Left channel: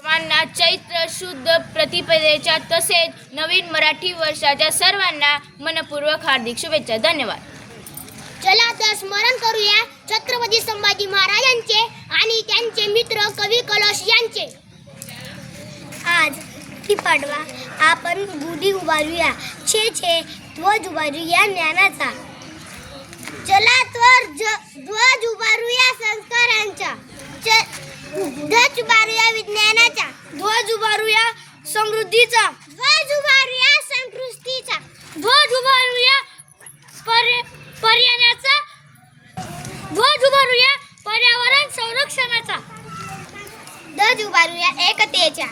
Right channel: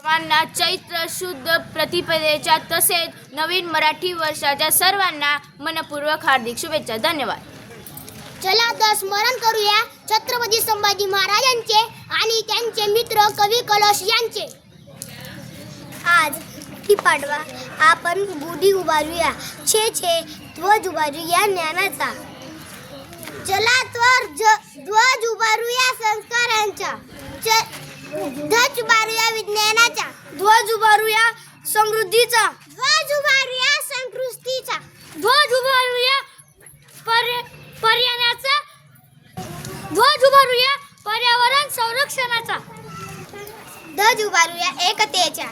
सर्वांना चैत्र शुद्ध प्रतिपदेच्या तसेच नवीन मराठी वर्षाच्या सर्वांना मनपूर्वक हार्दिक शुभेच्छा. धन्यवाद. चला तर स्मरण करूया छत्रपती संभाजी महाराजांचे आणि त्यांचे मित्र कवी कलश यांचे. आज पाडवा आपण गुढी उभारूया, छे छे ध्वज उभारूया ज्ञानाचा. चला तर ध्वज उभारूया संस्कारांचा, ध्वज उभारूया विज्ञानाचा, ध्वज उभारूया समृद्धीचा, ध्वज उभारूया संस्कृतीचा, ध्वज उभारूया पर्यावरणाचा, ध्वज उभारूया पर्यावरण संरक्षणाचा, ध्वज उभारूया एकतेचा.